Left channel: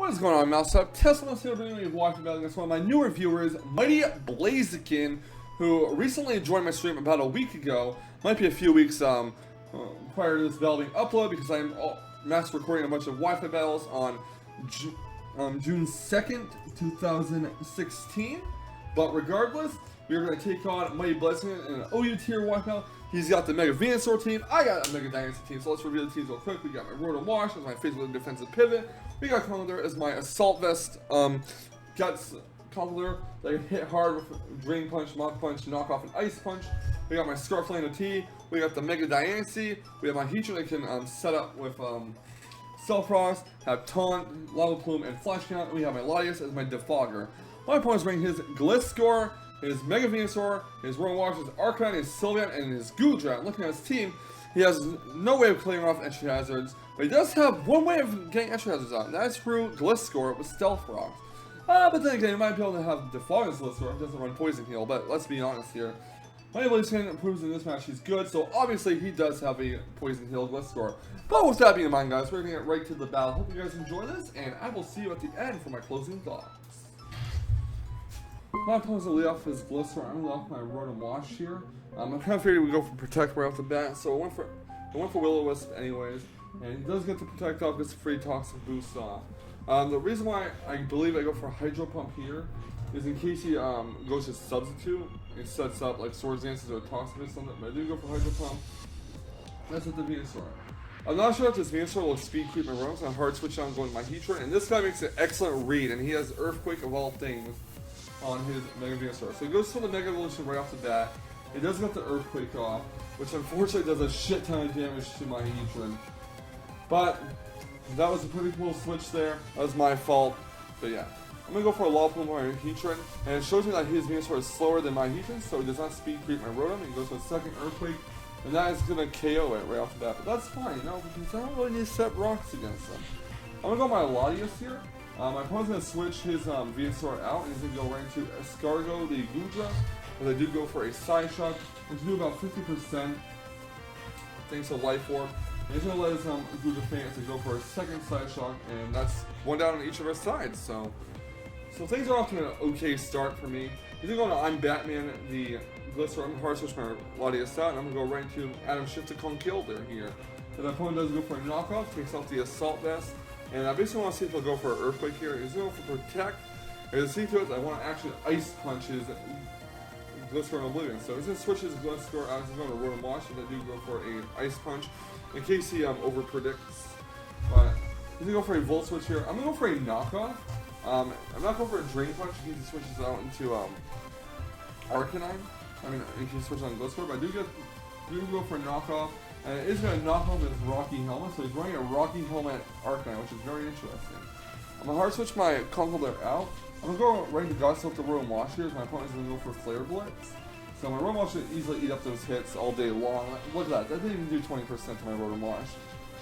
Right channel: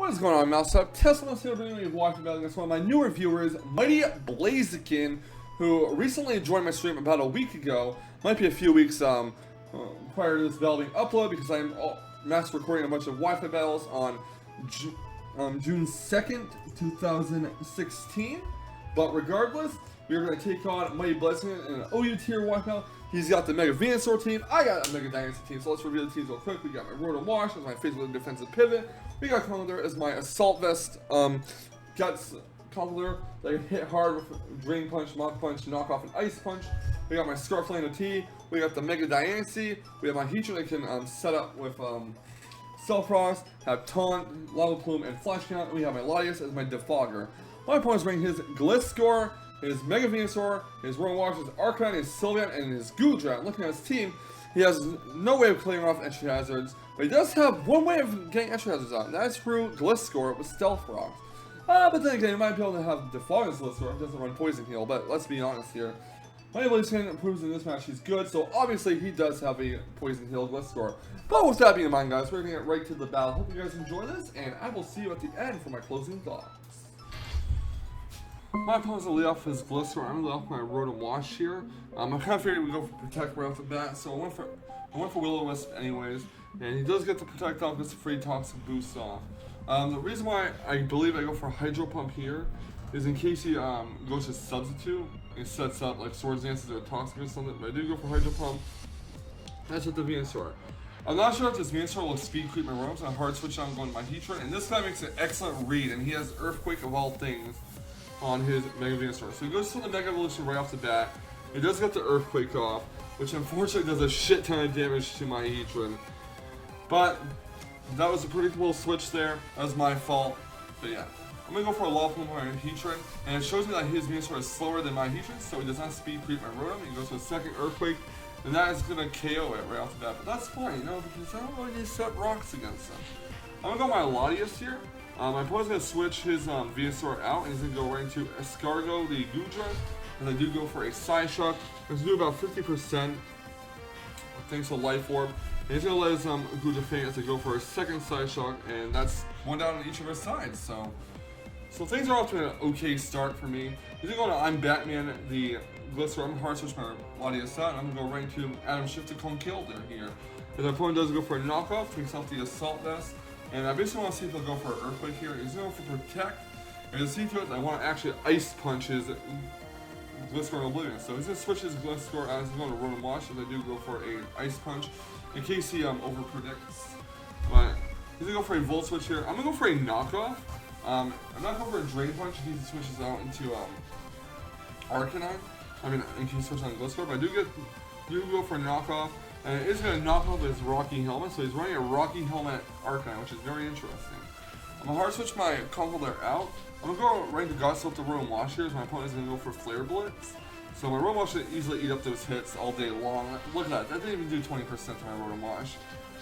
What is going on, Mousetrap? Teslamouse here bringing you watching about against one of my newer viewers, MightyBlaziken, who recently joined my stream about a week ago. Might be a few weeks prior to this battle being uploaded because I'm mass recording a bunch of Wi-Fi battles on June 2nd, 2016. But regardless, we're going to take on MightyBlaziken in an OU tier Wi-Fi. He's got the Mega Venusaur team, I got a Mega Dynasty team, so let's review the teams real quick. We got my Rotom Wash as my physical defensive pivot. We got Conkeldurr as my Assault Vest, Guts Conkeldurr that can hit hard with Drain Punch, Mach Punch, Knock Off, and Ice Punch. We got my Scarflame T. We got the Mega Dynasty. We have my Heatran that can set up with Cell Frost, have Taunt, Lava Plume, and Flash Count. And we have my Latias as my Defogger. My opponent's bringing his GlitchxCity, his Mega Venusaur, his Rotom Wash, his Arcanine, his Sylveon, and his Goodra. Looking at his team, he has no way of clearing off entry hazards, but he does have one way of getting entry hazards out, and that's through GlitchxCity with Stealth Rocks. But then again, you might be able to have Defogger's GlitchxCity, it doesn't run Poison Heal, but let's be honest here. MightyBlaziken proves in this match he's good, so obviously he does have a Poison Heal GlitchxCity. But with that being in mind, guys, we're going to get right to the battle. Hope you guys enjoy this, and I will see you at the end for my closing thoughts. My opponent's gonna lead off his GlitchxCity. I'm gonna lead off my Rotom Wash here. I kind of figured we'd go for Protect right off the bat, so I went for Will-O-Wisp anyways. And he does get the Protect off, gets the free Toxic Boost off. The reason why I believe I go for Hydro Pump here is in case he goes to Substitute and sets up like Swords Dances or Toxic or something. But I do go for Hydro Pump. That's with the Venusaur. I'm not sure if this Venusaur will speed creep my Rotom, so I hard switch on going to my Heatran. And this guy makes an excellent read, and he has Earthquake of all things on his Mega Venusaur. So he goes for the Mega Evolution right off the bat. He does get the Earthquake off, which unfortunately does a shit ton of damage to my Heatran. But that was a pretty cool switch there. That was my fault. But yeah. I'm going to go for a Lava Plume on my Heatran, and it shows me that his Venusaur is slower than my Heatran, so he does not speed creep my Rotom. He goes for a second Earthquake, and that is going to KO it right off the bat. But that's fine, you know, because I don't really need to set rocks against them. I'm going to go my Latias here. My opponent's going to switch his Venusaur out, and he's going to go right into Escargot, the Goodra, as I do go for a Side Shock. Let's do about 50% thanks to Life Orb. And he's going to let his Goodra faint as I go for a second Side Shock, and that's one down on each of our sides. So things are off to an okay start for me. He's going to go to I'm Batman, the GlitchxCity. I'm hard switch my Latias out, and I'm going to go right into Adam Shift to Conkeldurr here. And the opponent does go for a knockoff, takes off the Assault Vest. And I basically want to see if he'll go for an Earthquake here. He's going for Protect. And to see to it, I want to actually Ice Punch his GlitchxCity and Oblivion. So he's going to switch his GlitchxCity out. He's going to Rotom Wash if I do go for an Ice Punch in case he over-predicts. But he's going to go for a Volt Switch here. I'm going to go for a Knockoff. I'm not going for a Drain Punch in case he switches out into Arcanine. In case he switches on GlitchxCity. But I do go for a Knockoff. And it is going to knock off his Rocky Helmet, so he's running a Rocky Helmet Arcanine, which is very interesting. I'm going to hard switch my Conkeldurr out. I'm going to go right to Guts with the Rotom Wash here, as my opponent is going to go for Flare Blitz. So my Rotom Wash should easily eat up those hits all day long. Look at that, that didn't even do 20% to my Rotom Wash.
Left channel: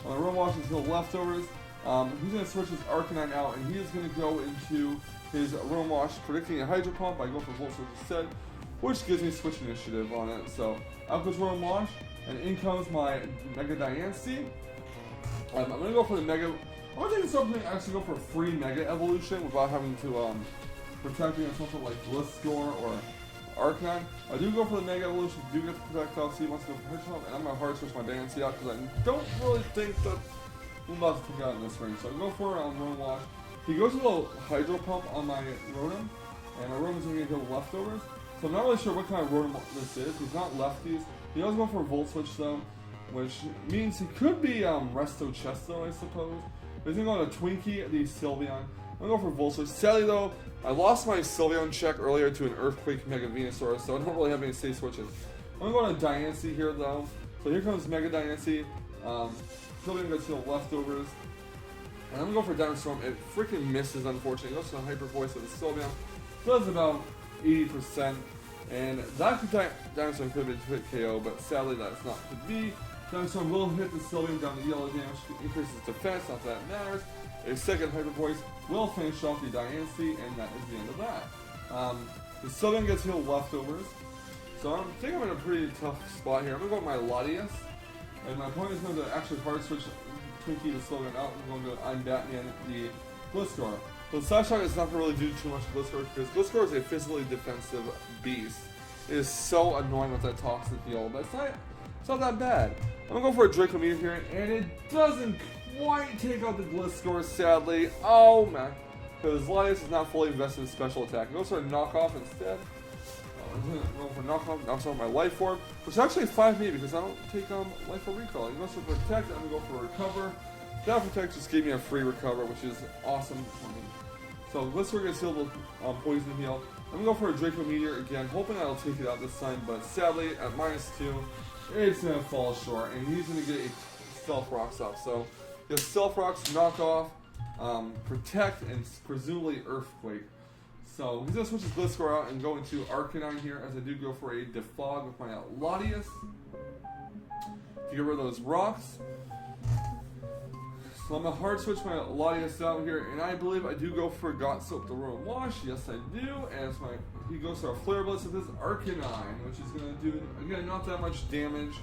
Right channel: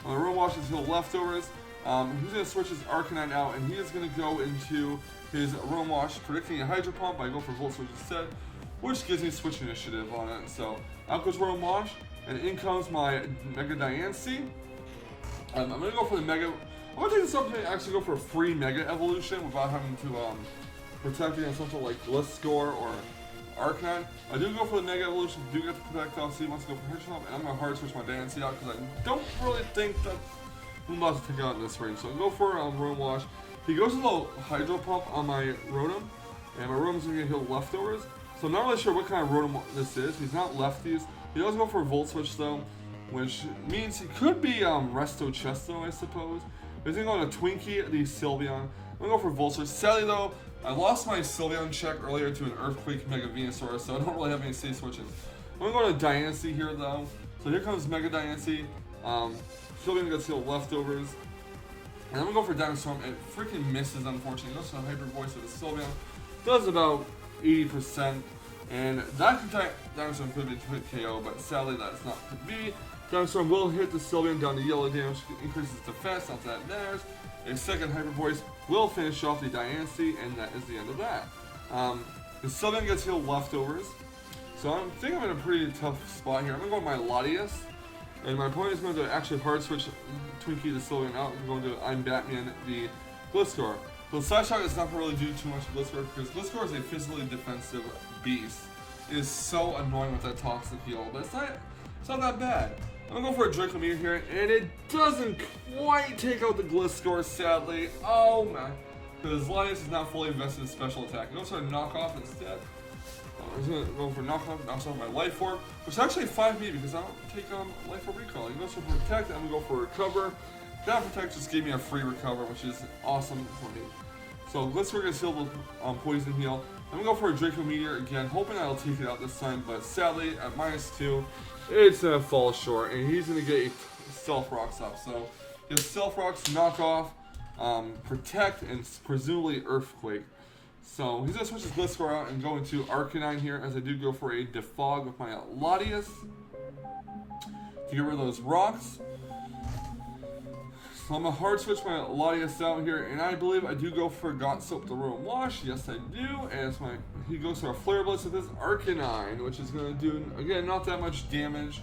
My Rotom Wash is heal leftovers. He's going to switch his Arcanine out, and he is going to go into his Rotom Wash, predicting a Hydro Pump. I go for Volt Switch instead, which gives me Switch Initiative on it. So out goes Rotom Wash. And in comes my Mega Dynasty. I'm going to go for the Mega... I'm going to do something to actually go for a free Mega Evolution without having to protect against something like GlitchxCity or Arcanine. I do go for the Mega Evolution, do get the Protect off, so he wants to go for Hedgehog, and I'm going to hard switch my Dynasty out because I don't really think that I'm about to take out in this range. So I'll go for Rotom Wash. He goes with a little Hydro Pump on my Rotom, and my Rotom's going to heal leftovers. So I'm not really sure what kind of Rotom this is. He's not lefties. He does go for a Volt Switch though, which means he could be Resto Chesto, I suppose. He's going to go to Twinkie, the Sylveon. I'm going to go for Volt Switch. Sadly though, I lost my Sylveon check earlier to an Earthquake Mega Venusaur, so I don't really have any safe switches. I'm going to go to Dynasty here though. So here comes Mega Dynasty. Sylveon gets heal leftovers. And I'm going to go for Dynamic Storm. It freaking misses, unfortunately. It goes to the Hyper Voice of the Sylveon. Does about 80%. And that Dynamic Storm could be hit KO, but sadly that's not to be. Dynamic Storm will hit the Sylveon down to yellow damage, increases defense, not that matters. A second Hyper Voice will finish off the Dynasty, and that is the end of that. The Sylveon gets healed leftovers, so I think I'm in a pretty tough spot here. I'm going to go with my Latias, and my opponent is going to actually hard switch Twinkie the Sylveon out. I'm going to I'm Batman the GlitchxCity. So the side shot is not going to really do too much to GlitchxCity because GlitchxCity is a physically defensive beast. It is so annoying with that toxic heal, but it's not that bad. I'm going to go for a Draco Meteor here, and it doesn't quite take out the GlitchxCity, sadly. Oh man. Because Linus is not fully invested in special attack. He goes for a knockoff instead. I'm going to go for knockoff, knocks off my life orb, which is actually 5 me because I don't take life orb recall. He goes for protect, I'm going to go for recover. That protect just gave me a free recover, which is awesome for me. So GlitchxCity gets healed with poison heal. I'm going to go for a Draco Meteor again, hoping I'll take it out this time, but sadly at -2, it's going to fall short, and he's going to get Stealth Rocks up. So he has Stealth Rocks, knock off, protect, and presumably Earthquake. So he's going to switch his GlitchxCity out and go into Arcanine here, as I do go for a Defog with my Latias to get rid of those rocks. So I'm going to hard switch my Latias out here, and I believe I do go for Got Soap the Royal Wash. Yes, I do. And he goes for a Flare Blitz with his Arcanine, which is going to do, again, not that much damage.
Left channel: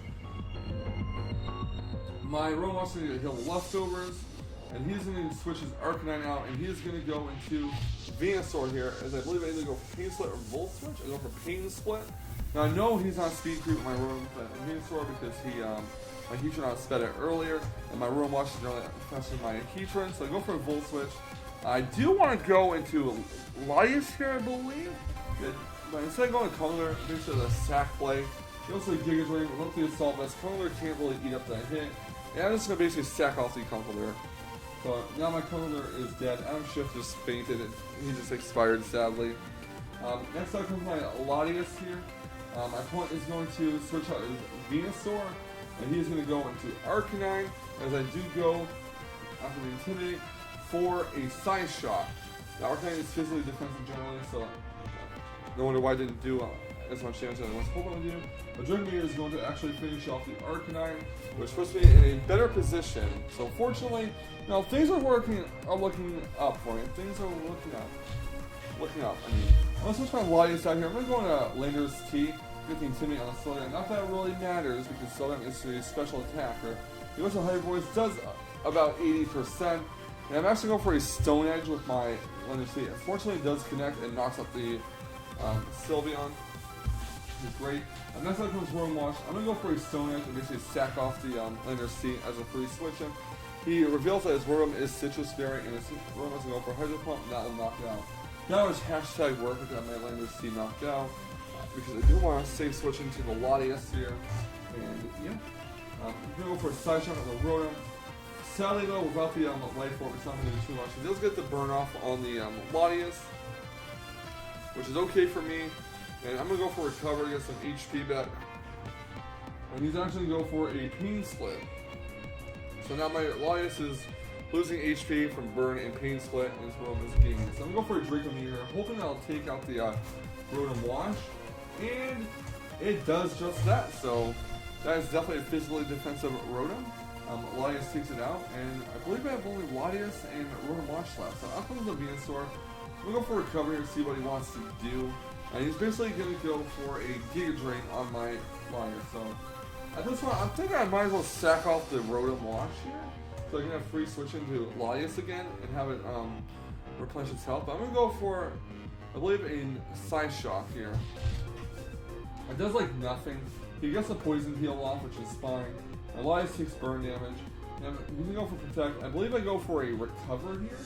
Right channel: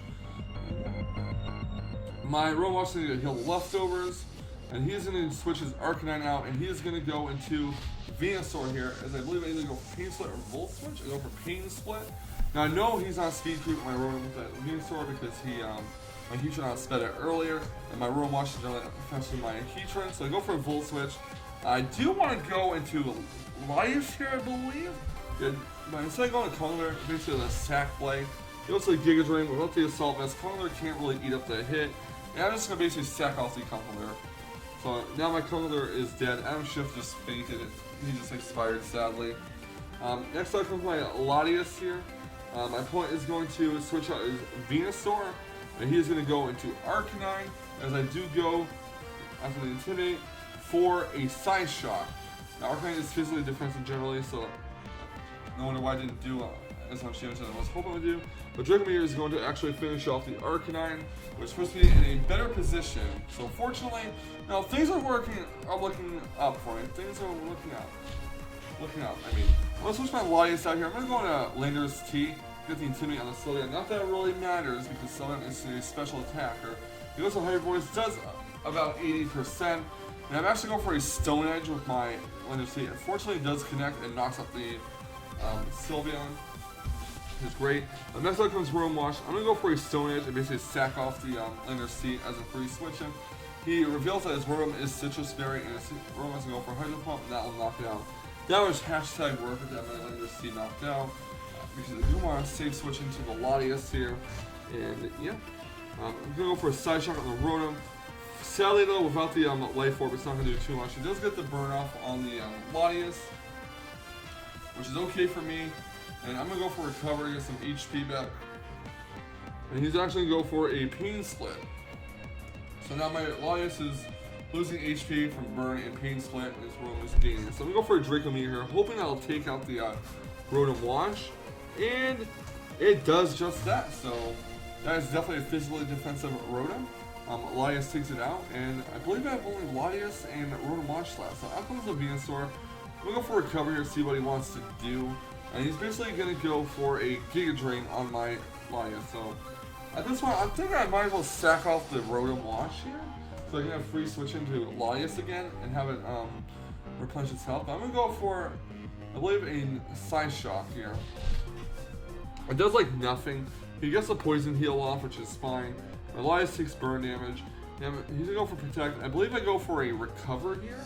My Royal Wash is going to heal the leftovers, and he's going to switch his Arcanine out, and he is going to go into Venusaur here, as I believe I either go for Pain Split or Volt Switch. I go for Pain Split. Now I know he's on speed creep with my Royal with that Venusaur because my Heatran sped it earlier, and my Royal Wash is generally faster than my Heatran, so I go for a Volt Switch. I do want to go into Latias here, I believe. Yeah, but instead of going to Conkeldurr, basically the sack play. He goes to the Giga Drain without the Assault Vest. Conkeldurr can't really eat up that hit, and I'm just going to basically sack off the Conkeldurr. So now my Conkeldurr is dead. Adam Shift just fainted. He just expired, sadly. Next up comes my Latias here. My opponent is going to switch out his Venusaur, and he is going to go into Arcanine, as I do go, after the Intimidate, for a Side Shot. Now Arcanine is physically defensive generally, so no wonder why I didn't do as much damage as I was hoping to do. But Draco Meteor is going to actually finish off the Arcanine, which puts me in a better position. So fortunately, now things are looking up for me. Things are looking up. I mean, I'm going to switch my Latias out here. I'm going to go into Lander's T. Get the Intimidate on the Sylveon. Not that it really matters because Sylveon is a special attacker. He goes to Hyper Voice, does about 80%. And I'm actually going for a Stone Edge with my Lander's T. Unfortunately, it does connect and knocks up the Sylveon, which is great. Next up comes Room Wash. I'm going to go for a Stone Edge and basically sack off the Lander's T as a free switch him. He reveals that his Room is Citrus Berry, and his Room is going to go for Hydro Pump, and that will knock it out. Now it's hashtag work with that my Lander's T knocked out. Because I do want to save switch into the Latias here, and yeah, I'm going to go for a Side Shot on the Rotom. Sadly though, without the Life Orb, it's not going to do too much. He does get the burn off on the Latias, which is okay for me, and I'm going to go for Recover, get some HP back, and he's actually going to go for a Pain Split. So now my Latias is losing HP from Burn and Pain Split, and his Rotom is gaining. So I'm going to go for a Draco Meteor here, hoping that'll take out the Rotom Wash. And it does just that, so that is definitely a physically defensive Rotom. Latias takes it out, and I believe I have only Latias and Rotom Wash left. So I'll come to the Venusaur. I'm going to go for Recover here, see what he wants to do. And he's basically going to go for a Giga Drain on my Latias. So at this point, I'm thinking I might as well sack off the Rotom Wash here, so I can have free switch into Latias again and have it replenish its health. But I'm going to go for, I believe, a Side Shock here. It does like nothing. He gets the poison heal off, which is fine. Latias takes burn damage. And he's gonna go for protect. I believe I go for a recover here.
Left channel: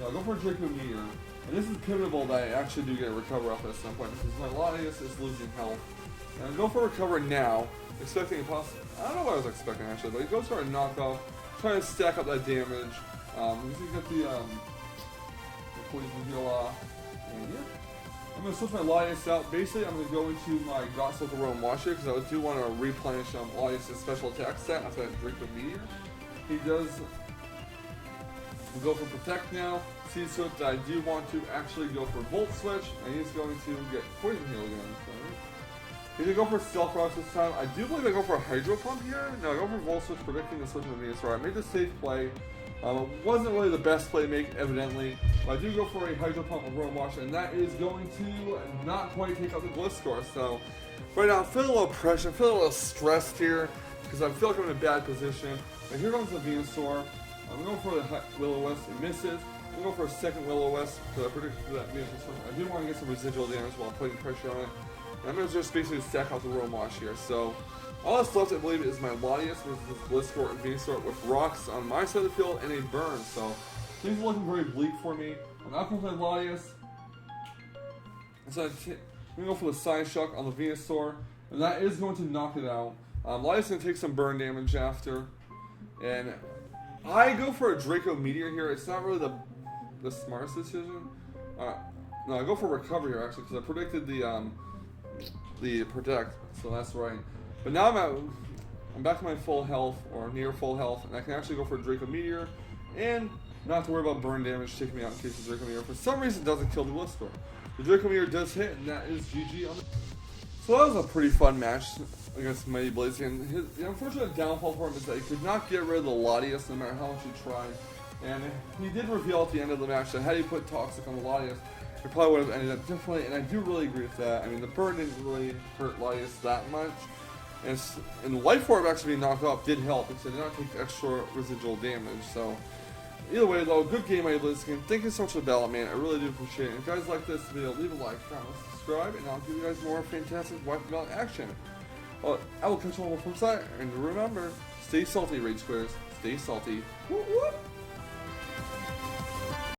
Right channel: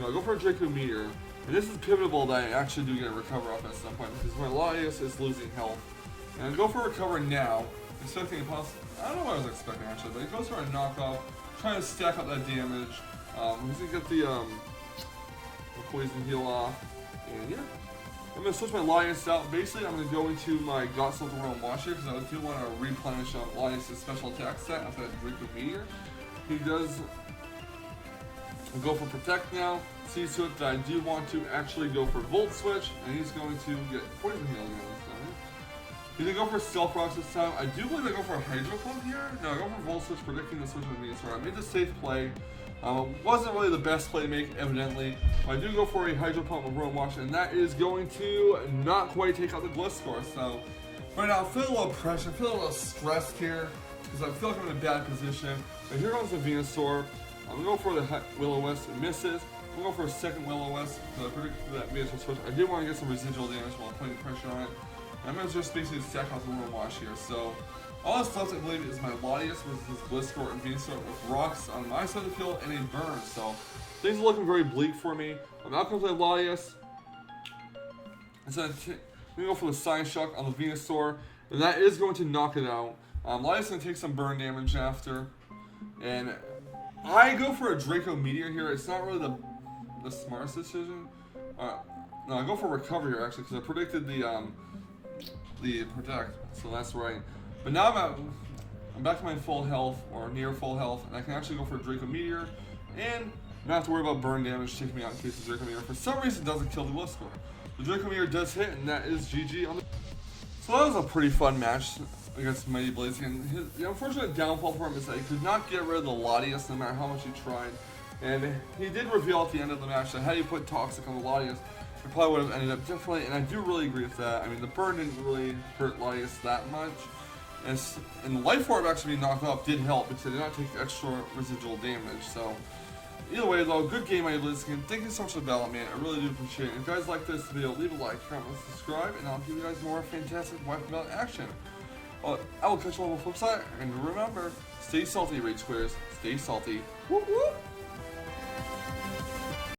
No, I go for a Draco Meteor. And this is pivotal that I actually do get a recover off at some point because my Latias is losing health. And I go for recover now, expecting a possible. I don't know what I was expecting actually, but he goes for a knockoff, trying to stack up that damage. He's gonna get the poison heal off. And yeah. I'm going to switch my Latias out. Basically, I'm going to go into my Got Soap the Royal Wash here because I do want to replenish Latias' special attack set after that Draco Meteor. He does go for Protect now. Sees to it that I do want to actually go for Volt Switch, and he's going to get Poison Heal again. He's going to go for Stealth Rocks this time. I do believe I go for a Hydro Pump here. No, I go for Volt Switch, predicting the switch with Venusaur. I made the safe play. It wasn't really the best play to make, evidently. But I do go for a Hydro Pump with Rotom Wash, and that is going to not quite take out the GlitchxCity. So, right now, I'm feeling a little pressure, I'm feeling a little stressed here, because I feel like I'm in a bad position. But here comes the Venusaur. I'm going for the Will-O-Wisp. It misses. I'm going for a second Will-O-Wisp because I predicted that Venus was switch. I did want to get some residual damage while putting pressure on it. And I'm going to just basically stack out the Rotom Wash here. So all that's left, I believe, is my Latias with his Blissthor and Venusaur with rocks on my side of the field and a burn. So things are looking very bleak for me. I'm not going to play Latias. So I'm going to go for the Psyshock on the Venusaur. And that is going to knock it out. Latias is going to take some burn damage after. And I go for a Draco Meteor here. It's not really the smartest decision. No, I go for Recover here actually because I predicted the Protect, so that's right. But now I'm back to my full health or near full health, and I can actually go for a Draco Meteor and not have to worry about burn damage taking me out in case the Draco Meteor for some reason doesn't kill the Blissthor. The Draco Meteor does hit, and that is GG on the. So that was a pretty fun match against MightyBlaziken. The unfortunate downfall for him is that he could not get rid of the Latias no matter how much he tried. And he did reveal at the end of the match that had he put Toxic on the Latias, it probably would have ended up differently, and I do really agree with that. I mean, the burn didn't really hurt Latias that much. And Life Orb actually being knocked off did help because it did not take extra residual damage. So, either way, though, good game, MightyBlaziken. Thank you so much for the battle, man. I really do appreciate it. And if you guys like this video, leave a like, comment, subscribe, and I'll give you guys more fantastic Wi-Fi battle action. Well, I will catch you on the flip side, and remember, stay salty, Rage Squares. Stay salty. Whoop whoop!